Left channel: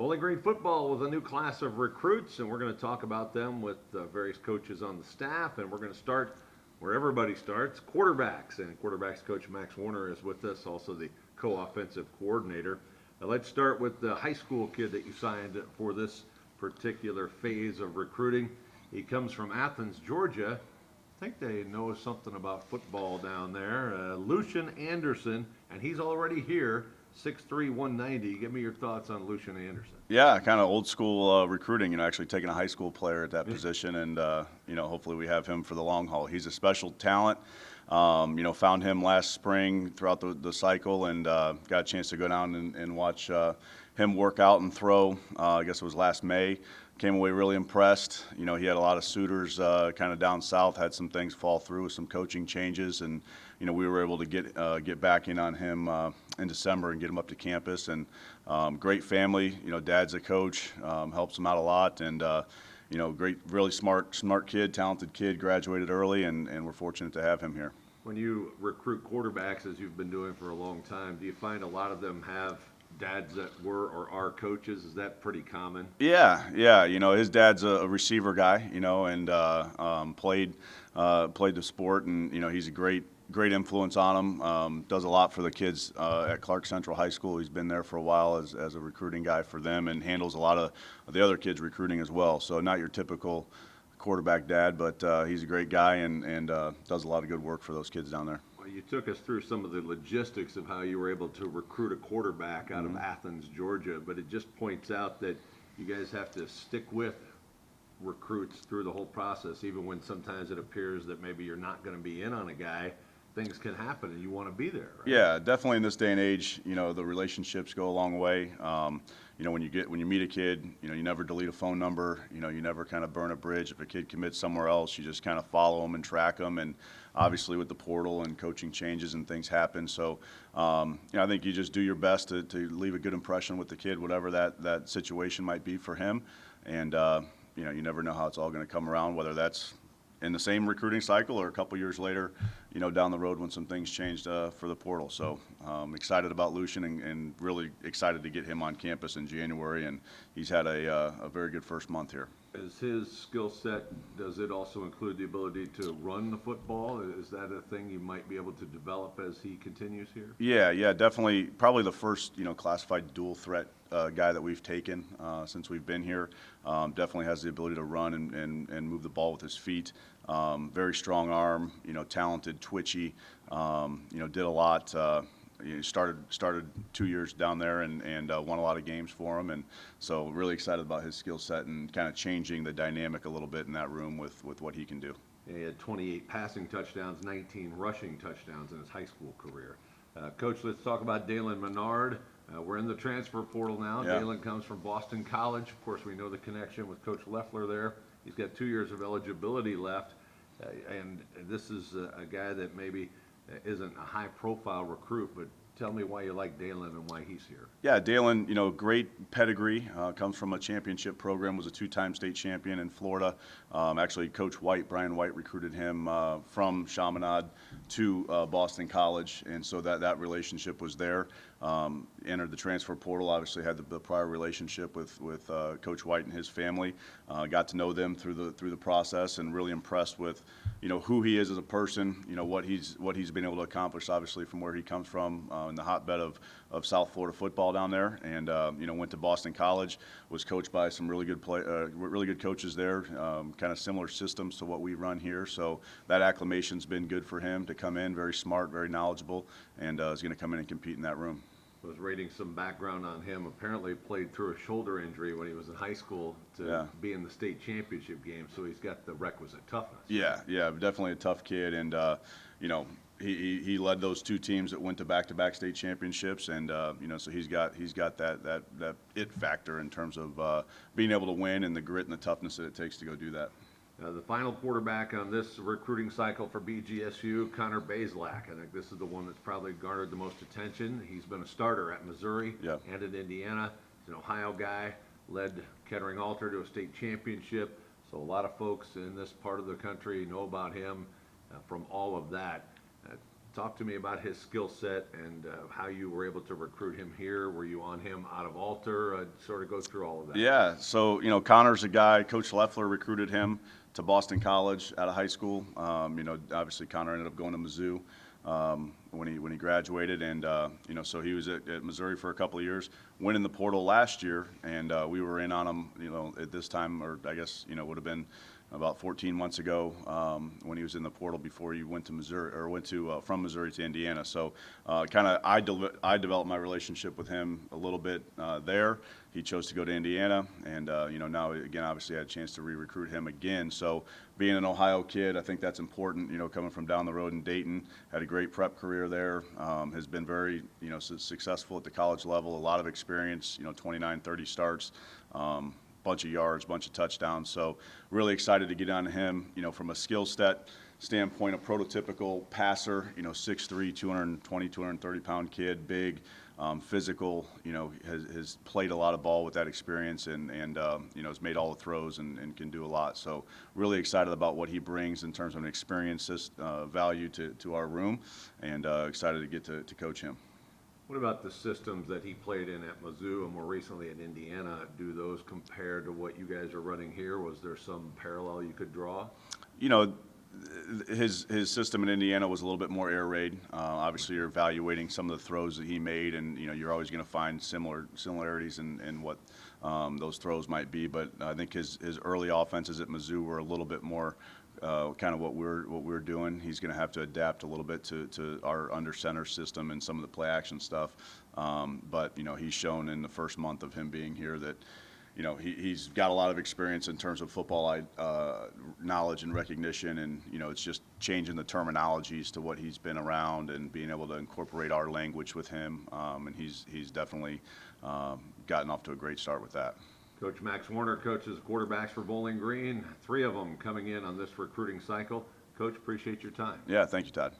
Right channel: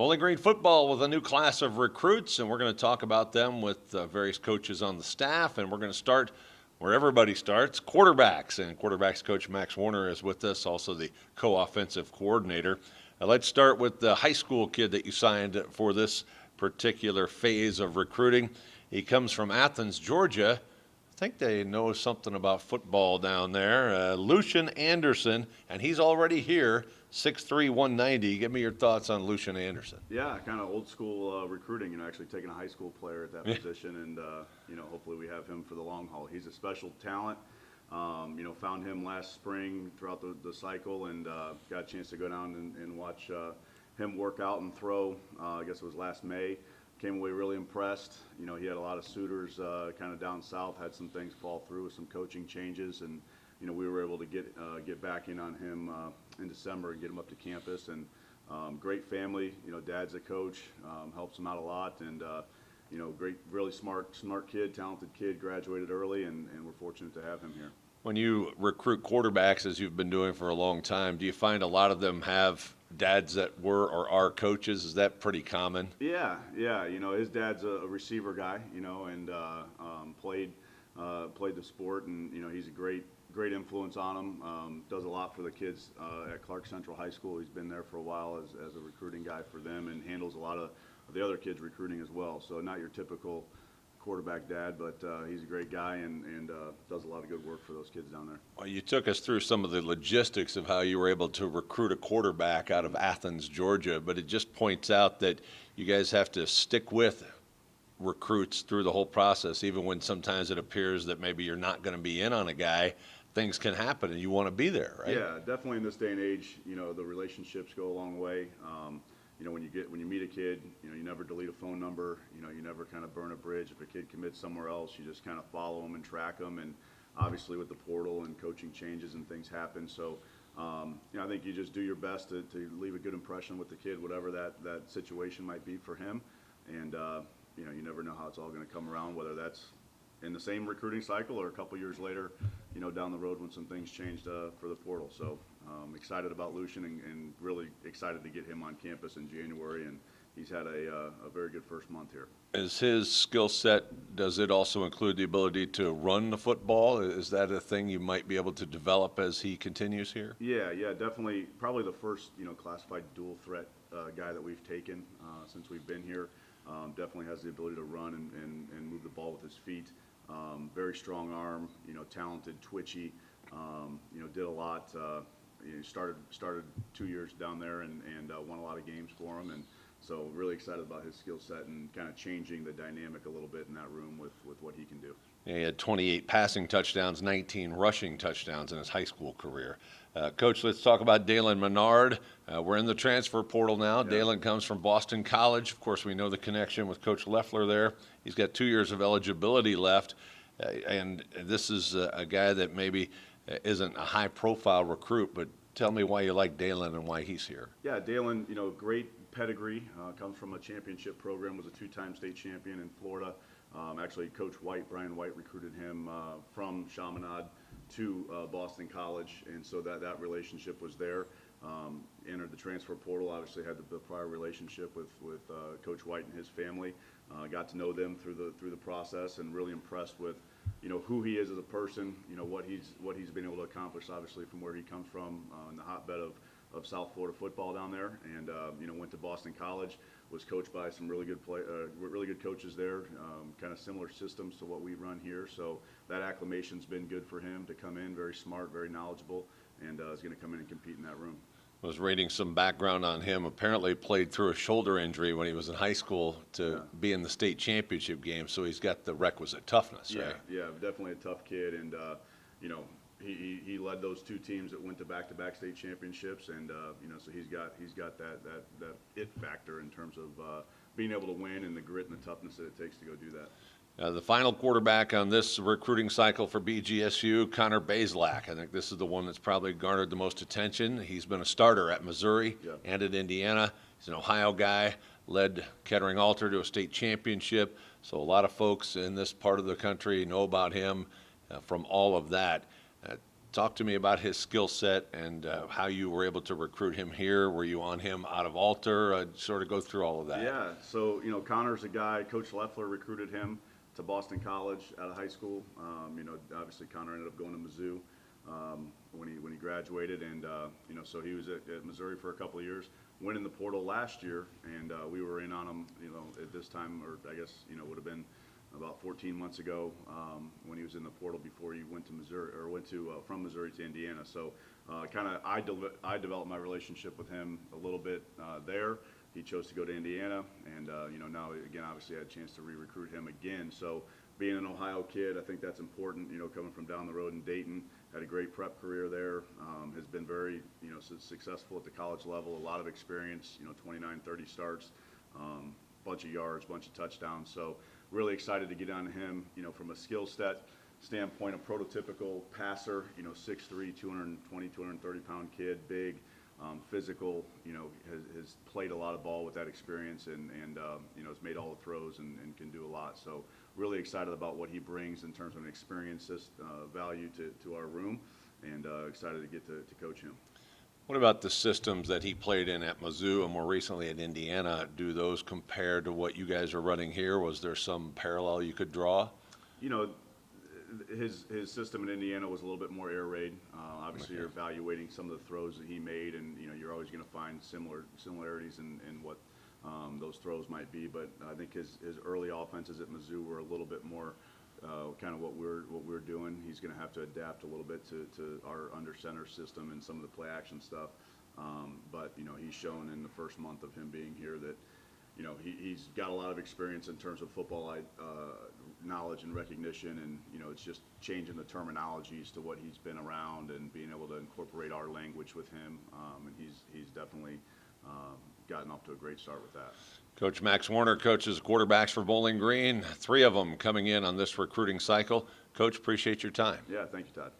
Bowling Green football with a new class of recruits, and we're going to talk about them with various coaches on the staff, and we're going to start where everybody starts, quarterbacks. And quarterbacks coach Max Warner is with us, also the co-offensive coordinator. Let's start with the high school kid that you signed for this particular phase of recruiting. He comes from Athens, Georgia. I think they know something about football down there. Lucian Anderson, and he's already here. 6'3", 190. Give me your thoughts on Lucian Anderson. Yeah, kind of old school recruiting, actually taking a high school player at that position, and, hopefully we have him for the long haul. He's a special talent. Found him last spring throughout the cycle, and got a chance to go down and watch him work out and throw. I guess it was last May. Came away really impressed. He had a lot of suitors kind of down south, had some things fall through with some coaching changes, and we were able to get back in on him in December and get him up to campus. And great family. Dad's a coach, helps him out a lot, and great, really smart kid, talented kid. Graduated early, and we're fortunate to have him here. When you recruit quarterbacks, as you've been doing for a long time, do you find a lot of them have dads that were or are coaches? Is that pretty common? Yeah. His dad's a receiver guy, and played the sport, and he's a great influence on him. Does a lot for the kids at Clark Central High School. He's been there for a while as a recruiting guy for them, and handles a lot of the other kids recruiting as well. So not your typical quarterback dad, but he's a great guy and does a lot of good work for those kids down there. Well, you took us through some of the logistics of how you were able to recruit a quarterback out of Athens, Georgia, but it just points out that you guys have to stick with recruits through the whole process, even when sometimes it appears that maybe you're not going to be in on a guy. Things can happen, and you want to be there, right? Yeah, definitely in this day and age, the relationships go a long way. When you meet a kid, you never delete a phone number. You never kind of burn a bridge. If a kid commits somewhere else, you just kind of follow them and track them. And obviously with the portal and coaching changes and things happen. So, I think you just do your best to leave a good impression with the kid, whatever that situation might be for him. And, you never know how it's all going to come around, whether that's in the same recruiting cycle or a couple years later, down the road when some things changed for the portal. So excited about Lucian and really excited to get him on campus in January, and he's had a very good first month here. Is his skill set, does it also include the ability to run the football? Is that a thing you might be able to develop as he continues here? Yeah, definitely. Probably the first, classified dual threat guy that we've taken since we've been here. Definitely has the ability to run and move the ball with his feet. Very strong arm, talented, twitchy, did a lot. Started 2 years down there and won a lot of games for him. And so really excited about his skill set and kind of changing the dynamic a little bit in that room with what he can do. Yeah, he had 28 passing touchdowns, 19 rushing touchdowns in his high school career. Coach, let's talk about Dalen Menard. We're in the transfer portal now. Yeah. Dalen comes from Boston College. Of course, we know the connection with Coach Loeffler there. He's got 2 years of eligibility left, and this is a guy that maybe isn't a high-profile recruit, but tell me why you like Dalen and why he's here. Yeah, Dalen, great pedigree, comes from a championship program, was a 2-time state champion in Florida. Actually, Coach White, Brian White, recruited him from Chaminade to Boston College, and so that relationship was there. Entered the transfer portal, obviously had the prior relationship with Coach White and his family. Got to know them through the process, and really impressed with who he is as a person, what he's been able to accomplish, obviously from where he comes from in the hotbed of South Florida football down there, and went to Boston College, was coached by some really good coaches there, kind of similar systems to what we run here. So that acclimation's been good for him to come in, very smart, very knowledgeable, and is going to come in and compete in that room. Was reading some background on him. Apparently played through a shoulder injury when he was in high school to be in the state championship game, so he's got the requisite toughness. Yeah, right? Yeah, definitely a tough kid, and he led those 2 teams that went to back-to-back state championships, and so he's got that it factor in terms of being able to win and the grit and the toughness that it takes to go do that. The final quarterback on this recruiting cycle for BGSU, Connor Bazelak. I think this is the one that's probably garnered the most attention. He's been a starter at Missouri and at Indiana. He's an Ohio guy, led Kettering-Alter to a state championship. So a lot of folks in this part of the country know about him from all of that. Talk to me about his skill set and how you were able to recruit him here. Were you on him out of Alter? Sort of go through all of that. Yeah, so Connor's a guy. Coach Leffler recruited him to Boston College out of high school. Obviously Connor ended up going to Mizzou when he graduated, and so he was at Missouri for a couple of years. Went in the portal last year, and we were in on him. At this time, or I guess would have been about 14 months ago when he was in the portal before he went to Missouri, or went to from Missouri to Indiana. So I developed my relationship with him a little bit there. He chose to go to Indiana, and now again, obviously, I had a chance to re-recruit him again. So being an Ohio kid, I think that's important. Coming from down the road in Dayton, had a great prep career there. Has been very successful at the college level. A lot of experience. 29, 30 starts. Bunch of yards, bunch of touchdowns. So really excited to get on him. From a skill set standpoint, a prototypical passer. 6'3", 220, 230-pound kid, big. Physical, has played a lot of ball with that experience, and has made all the throws and can do a lot. So really excited about what he brings in terms of an experience value to our room, and excited to get to coach him. What about the systems that he played in at Mizzou and more recently at Indiana? Do those compare to what you guys are running here? Was there some parallel you could draw? His system in Indiana was a little bit more air raid. Obviously, you're evaluating some of the throws that he made, and you're always going to find similarities in what those throws might be. But I think his early offenses at Mizzou were a little bit more kind of what we're doing. He's going to have to adapt a little bit to our under center system and some of the play action stuff. But he's shown in the first month of him being here that he's got a lot of experience in terms of football knowledge and recognition, and it's just changing the terminologies to what he's been around and being able to incorporate our language with him, and he's definitely gotten off to a great start with that. Coach Max Warner coaches quarterbacks for Bowling Green, 3 of them coming in on this recruiting cycle. Coach, appreciate your time. Yeah, thank you, Todd.